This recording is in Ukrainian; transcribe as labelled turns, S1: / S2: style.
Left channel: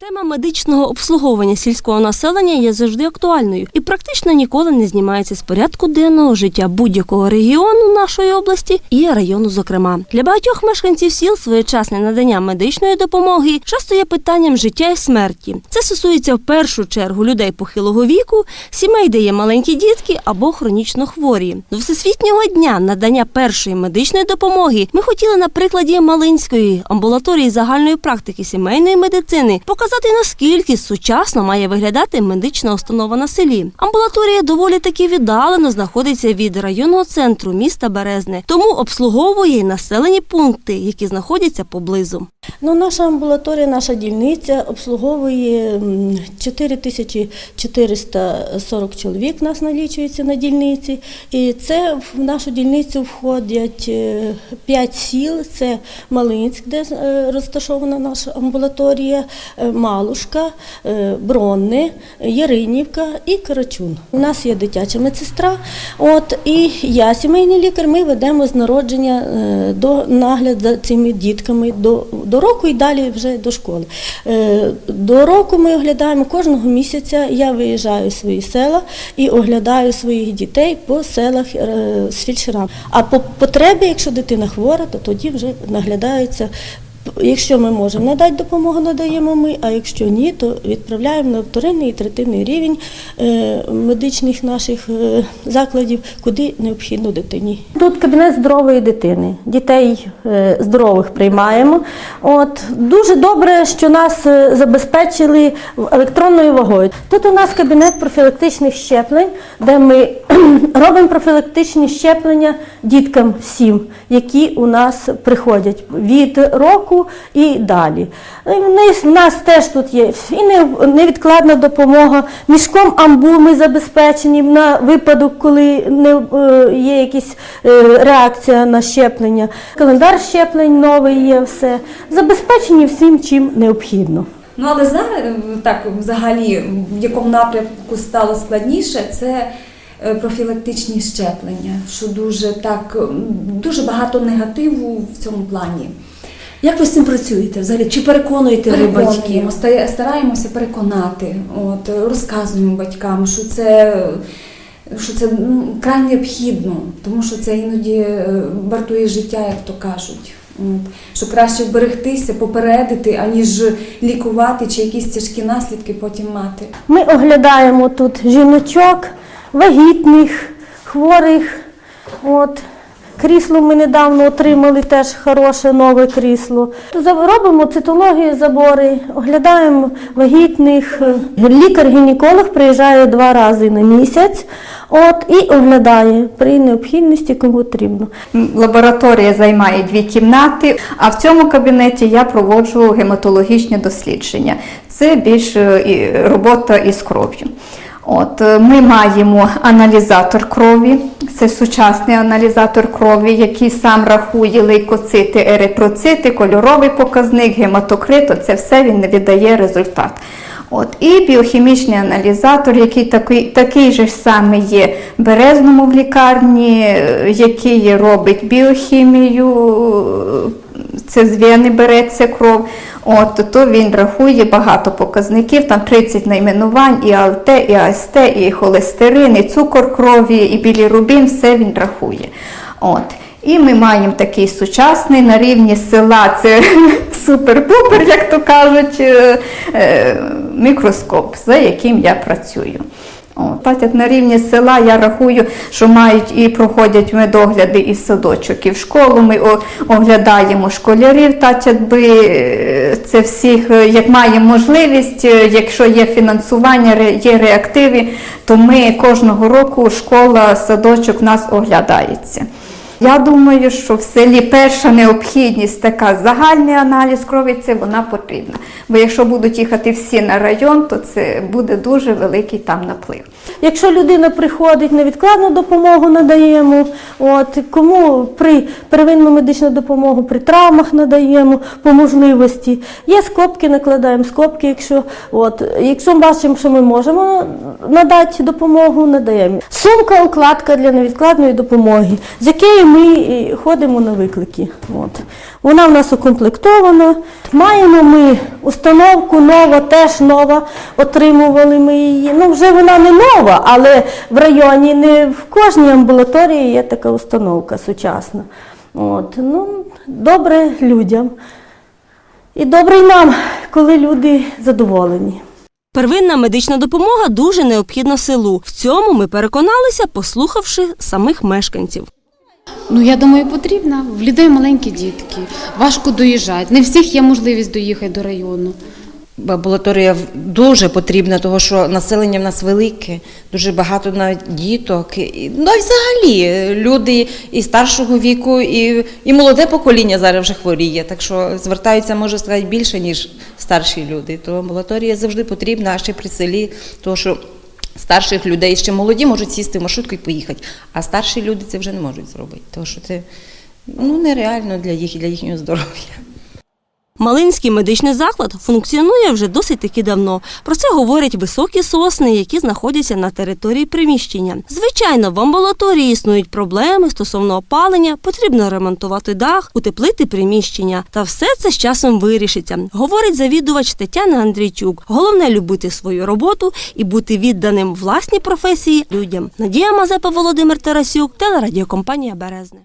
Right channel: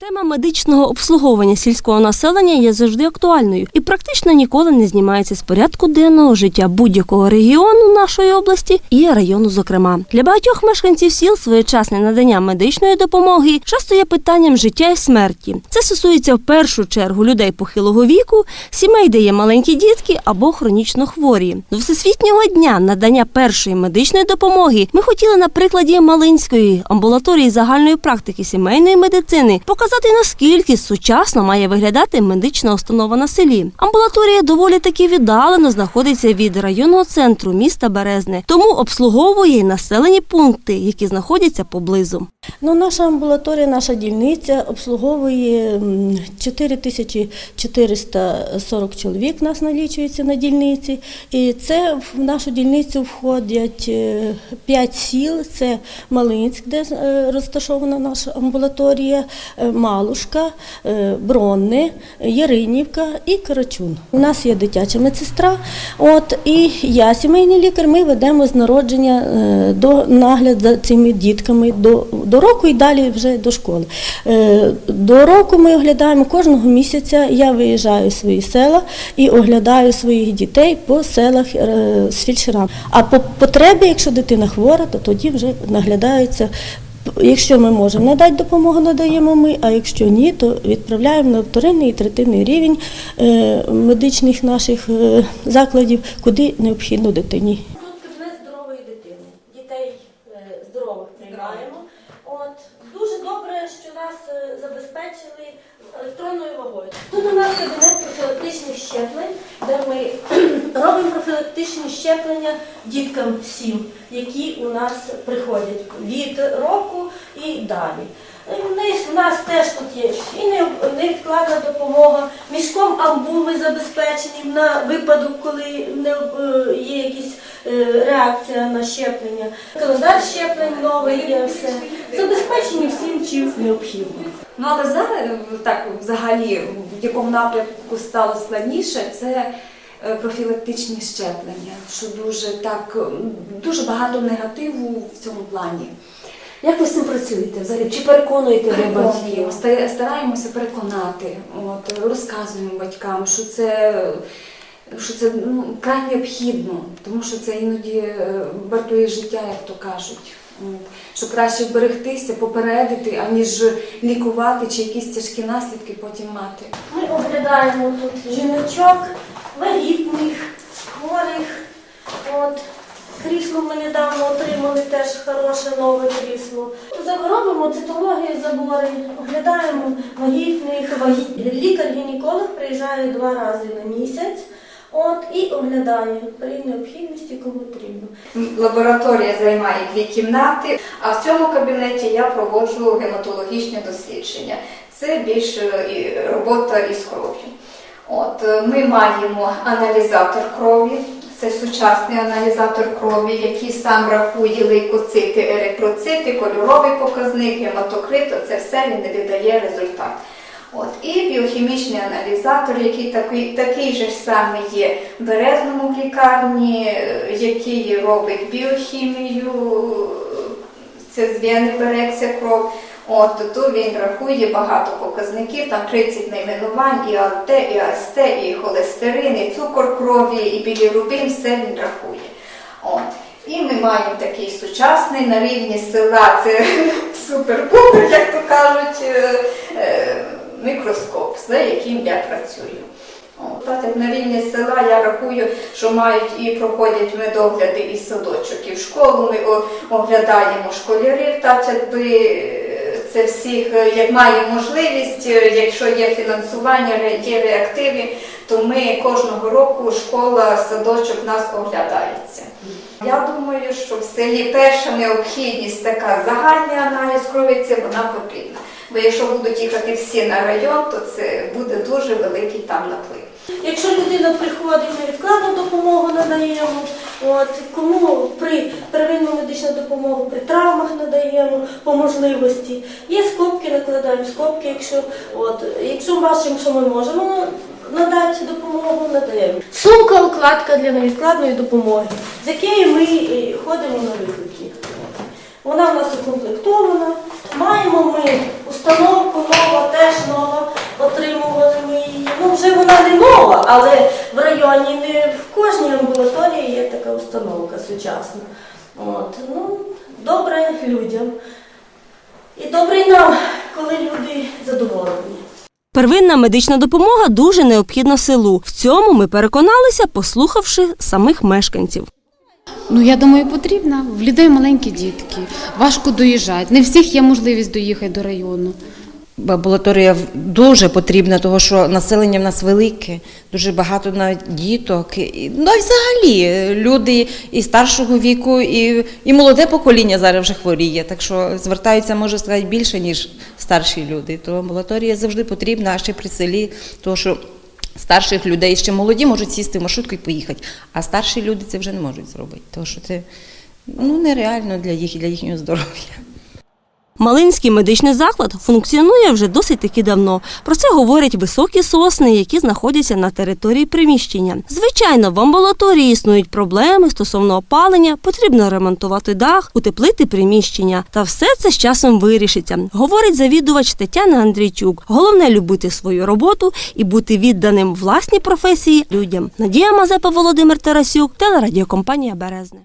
S1: Тема медичного обслуговування сільського населення є завжди актуальною і практично ніколи не знімається з порядку денного життя будь-якого регіону нашої області і району. Зокрема, для багатьох мешканців сіл своєчасне надання медичної допомоги часто є питанням життя і смерті. Це стосується в першу чергу людей похилого віку, сімей, де є маленькі дітки або хронічно хворі. До всесвітнього дня надання першої медичної допомоги ми хотіли на прикладі Малинської амбулаторії загальної практики сімейної медицини показати наскільки сучасно має виглядати медична установа на селі. Амбулаторія доволі таки віддалено знаходиться від районного центру міста Березне, тому обслуговує й населені пункти, які знаходяться поблизу.
S2: Ну, наша амбулаторія, наша дільниця обслуговує м, 4440 чоловік нас налічується на дільниці. І це в нашу дільницю входять 5 сіл. Це Малинськ, де е, розташована наша амбулаторія, е, Малушка, е, Бронне, Яринівка і Карачун. У нас є дитяча медсестра. От, і я, сімейний лікар, ми ведемо з народження е, до нагляд за цими дітками до, до року і далі вже до школи. Е, До року ми оглядаємо кожного місяця. Я виїжджаю в свої села і оглядаю своїх дітей по селах з фельдшерами. А по потребі, якщо дитина хвора, то тоді вже наглядаються. Якщо ми можемо надати допомогу, надаємо ми, а якщо ні, то відправляємо на вторинний і третинний рівень е, медичних наших е, закладів, куди необхідно дитині. Тут кабінет здорової дитини. Дітей е, здорових приймаємо. От дуже добре, що нас забезпечили електронною вагою. Тут у нас кабінет профілактичних щеплень, де ми робимо профілактичні щеплення діткам всім, які у нас приходять від року і далі. У нас теж тут є і невідкладна допомога. Мішком амбул ми забезпечені на випадок, коли не е, є якась е, реакція на щеплення. Календар щеплень новий є все. Забезпечені всім, чим необхідно.
S3: Ну але зараз так взагалі в якому напрямку стало складніше, це профілактичні щеплення, що дуже так дуже багато негативу в цьому плані.
S4: Як ви з цим працюєте? Взагалі, чи переконуєте ви батьків?
S3: Стараємося переконати, от, розказуємо батькам, що це, що це ну, край необхідно, тому що це іноді е, вартує життя, як то кажуть. От. Що краще вберегтися, попередити, аніж лікувати чи якісь тяжкі наслідки потім мати.
S2: Ми оглядаємо тут жіночок, вагітних, хворих. От. Крісло ми недавно отримали теж хороше нове крісло. Робимо цитологію забори, оглядаємо вагітних. Лікар-гінеколог приїжджає два рази на місяць от, і оглядає при необхідності, кому потрібно.
S5: Лабораторія займає дві кімнати, а в цьому кабінеті я проводжу гематологічні дослідження. Це більше робота із кров'ю. От, е, ми маємо аналізатор крові, це сучасний аналізатор крові, який сам рахує лейкоцити, еритроцити, кольоровий показник, гематокрит, це все він віддає результат. От, і біохімічний аналізатор, який такий, такий же самий є в Березному в лікарні, е, який робить біохімію, це з вени береться кров. От, то він рахує багато показників, там 30 найменувань, і АЛТ, і АСТ, і холестерин, і цукор крові, і білірубін, все він рахує. От. І ми маємо такий сучасний на рівні села, це супер-пупер, як то кажуть, е, е, мікроскоп, за яким я працюю. Так як на рівні села я рахую, що мають і проходять медогляди і садочок, і в школу. Ми оглядаємо школярів, так якби е, це всіх, е, як маємо можливість, е, якщо є фінансування, є реактиви, то ми кожного року школа, садочок нас оглядається. Я думаю, що в селі перша необхідність така загальний аналіз крові, це вона потрібна. Бо якщо будуть їхати всі на район, то це буде дуже великий там наплив.
S2: Якщо людина приходить, невідкладну допомогу надаємо. От кому при первинну медичну допомогу при травмах надаємо по можливості. Є скобки, накладаємо скобки. Якщо от якщо бачимо, що ми можемо надати допомогу, надаємо. Сумка укладка для невідкладної допомоги, з якої ми ходимо на виклики. От. Вона в нас укомплектована. Маємо ми установку нова, теж нова. Отримували ми її. Ну, вже вона не нова, але в районі не в кожній амбулаторії є така установка сучасна. От, ну, добре людям. І добре й нам, коли люди задоволені.
S1: Первинна медична допомога дуже необхідна селу. В цьому ми переконалися, послухавши самих мешканців.
S6: Ну, я думаю, потрібна. В людей маленькі дітки, важко доїжджати. Не всіх є можливість доїхати до району.
S7: Амбулаторія дуже потрібна, тому що населення в нас велике, дуже багато навіть діток. Ну і взагалі е, люди і старшого віку, і, і молоде покоління зараз вже хворіє. Так що звертаються, можу сказати, більше, ніж старші люди. То амбулаторія завжди потрібна, а ще при селі, тому що старших людей ще молоді можуть сісти в маршрутку і поїхати, а старші люди це вже не можуть зробити. Тому що це ну, нереально для їх і для їхнього здоров'я.
S1: Малинський медичний заклад функціонує вже досить таки давно. Про це говорять високі сосни, які знаходяться на території приміщення. Звичайно, в амбулаторії існують проблеми стосовно опалення, потрібно ремонтувати дах, утеплити приміщення. Та все це з часом вирішиться, говорить завідувач Тетяна Андрійчук. Головне любити свою роботу і бути відданим власній професії людям. Надія Мазепа, Володимир Тарасюк, телерадіокомпанія Березне.